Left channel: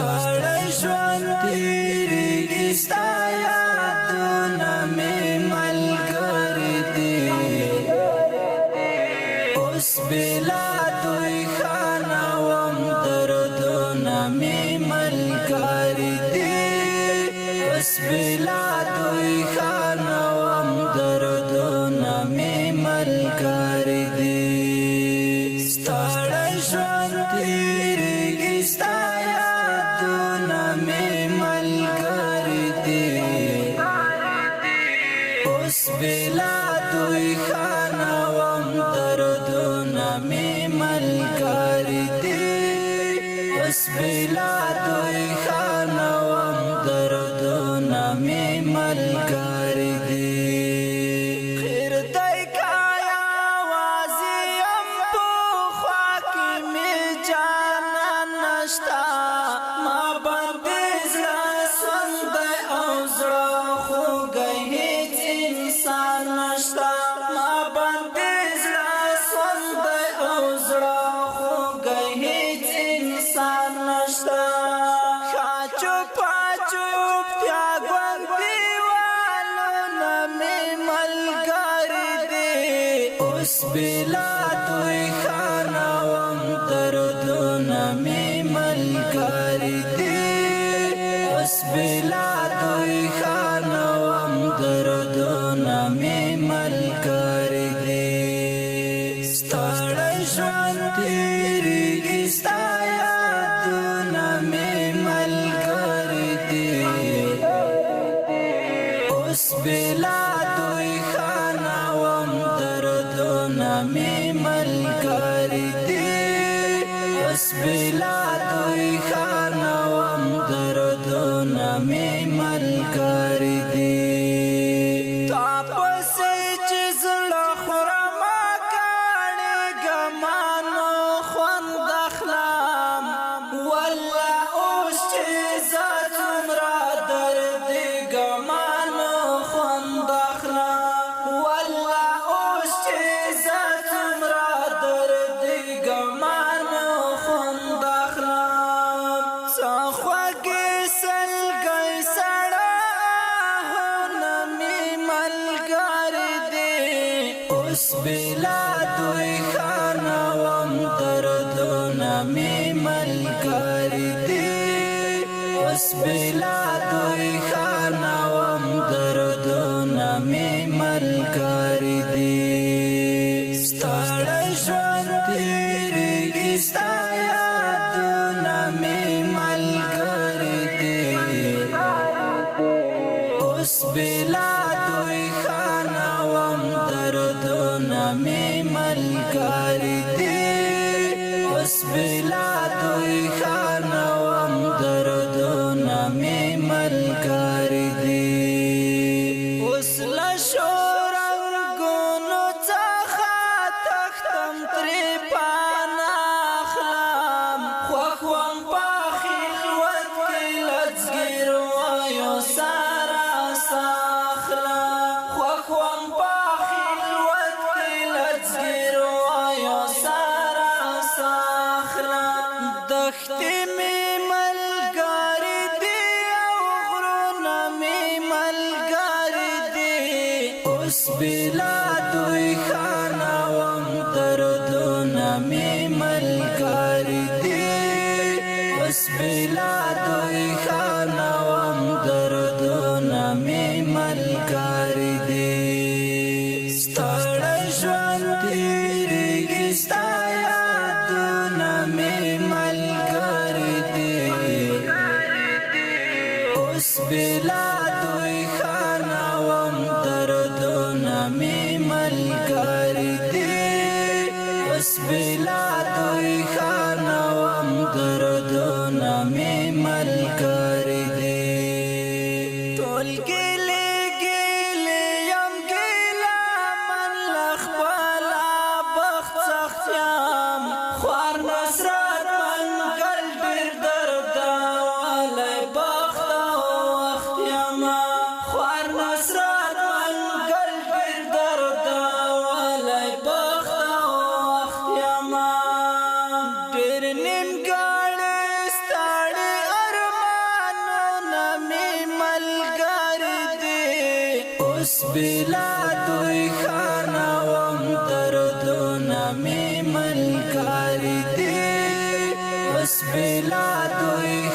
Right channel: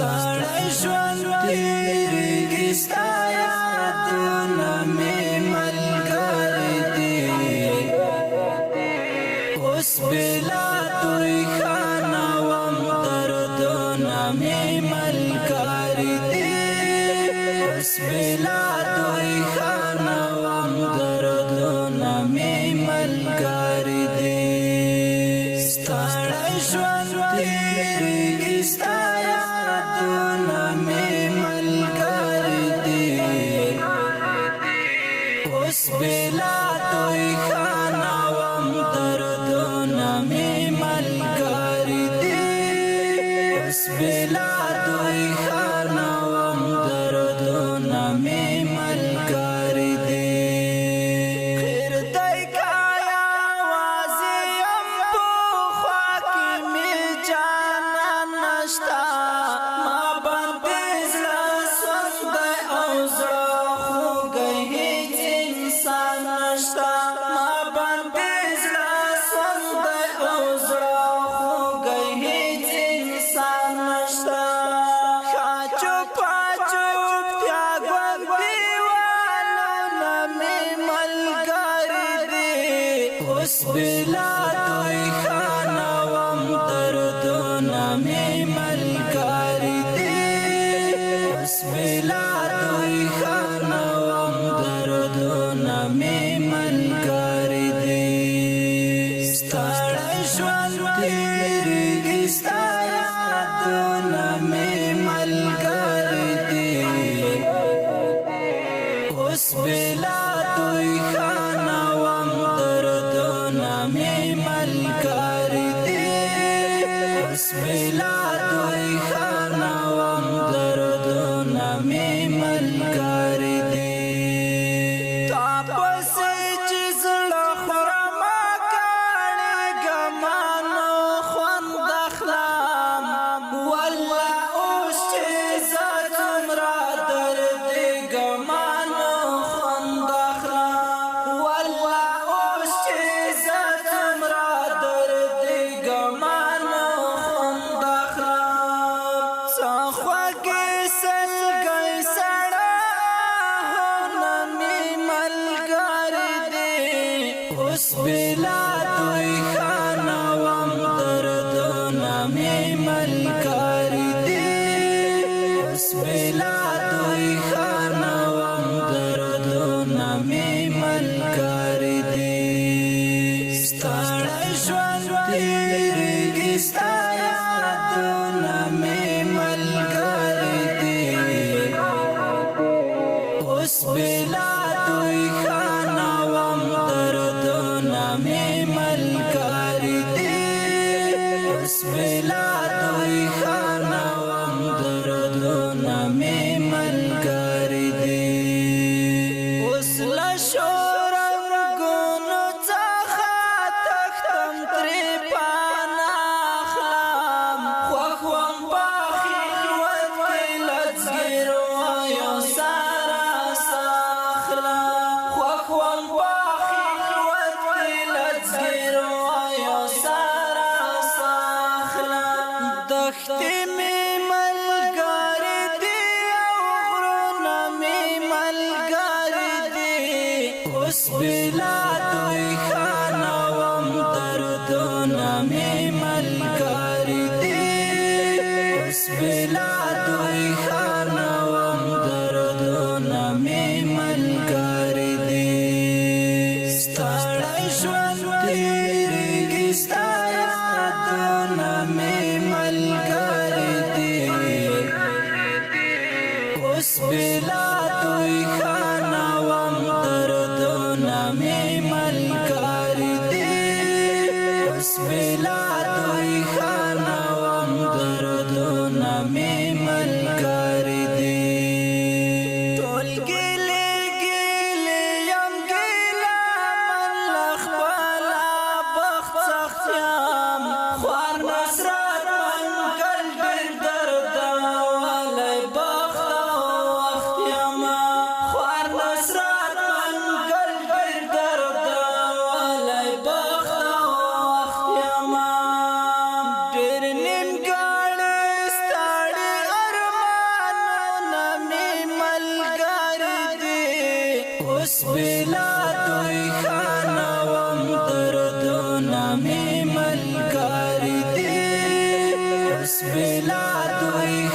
ستړی ژوند تېرېږي ستا یادونه مې ملګري دي اوس بېلا دوی ښه نه وم دردونه مې ملګري دي اوس بېلا دوی ښه نه وم دردونه مې ملګري دي ستړی ژوند تېرېږي ستا یادونه مې ملګري دي اوس بېلا دوی ښه نه وم دردونه مې ملګري دي اوس بېلا دوی ښه نه وم دردونه مې ملګري دي خیر دی که یوازې یم په خوا کې مې جانان نشته ما باندې زړه سوندی او زړه خوږی هېڅ انسان نشته ما باندې زړه سوندی او زړه خوږی هېڅ انسان نشته ښه چوپه چوپتیا ګونګ دیوالونه مې ملګري دي اوس بېلا دوی ښه نه وم دردونه مې ملګري دي اوس بېلا دوی ښه نه وم دردونه مې ملګري دي ستړی ژوند تېرېږي ستا یادونه مې ملګري دي اوس بېلا دوی ښه نه وم دردونه مې ملګري دي اوس بېلا دوی ښه نه وم دردونه مې ملګري دي تا پسې چې زړه خورمه کاڼېږه ما نو خوند اخلم والله اوس چې زه څومره دردېږم ما نو خوند اخلم والله اوس چې زه څومره دردېږم ما نو خوند اخلم څه خوږې سلګۍ سړه آهونه مې ملګري دي اوس بېلا دوی ښه نه وم دردونه مې ملګري دي اوس بېلا دوی ښه نه وم دردونه مې ملګري دي ستړی ژوند تېرېږي ستا یادونه مې ملګري دي اوس بېلا دوی ښه نه وم دردونه مې ملګري دي اوس بېلا دوی ښه نه وم دردونه مې ملګري دي اوس له شورنګونو څخه تښتم ترې پناه اخلم خوښ وم په خلوت کې له ځګیرویو سره ساه اخلم خوښ وم په خلوت کې له ځګیرویو سره ساه اخلم دښتې مې ملګري دي او غرونه مې ملګري دي اوس بېلا دوی ښه نه وم دردونه مې ملګري دي اوس بېلا دوی ښه نه وم دردونه مې ملګري دي ستړی ژوند تېرېږي ستا یادونه مې ملګري دي اوس بېلا دوی ښه نه وم دردونه مې ملګري دي اوس بېلا دوی ښه نه وم دردونه مې ملګري دي ټول ګیلې ګیلې یم ګیله من له خپله بخت سخت یم خوار نصرت منګل ډېر درده والی بخت او وخت یم خوار نصرت منګل ډېر درده والی بخت او وخت یم ډېر نیمګړی ستړی اوس بلا دوی خانوم دردونه می ملګری دي اوس بلا دوی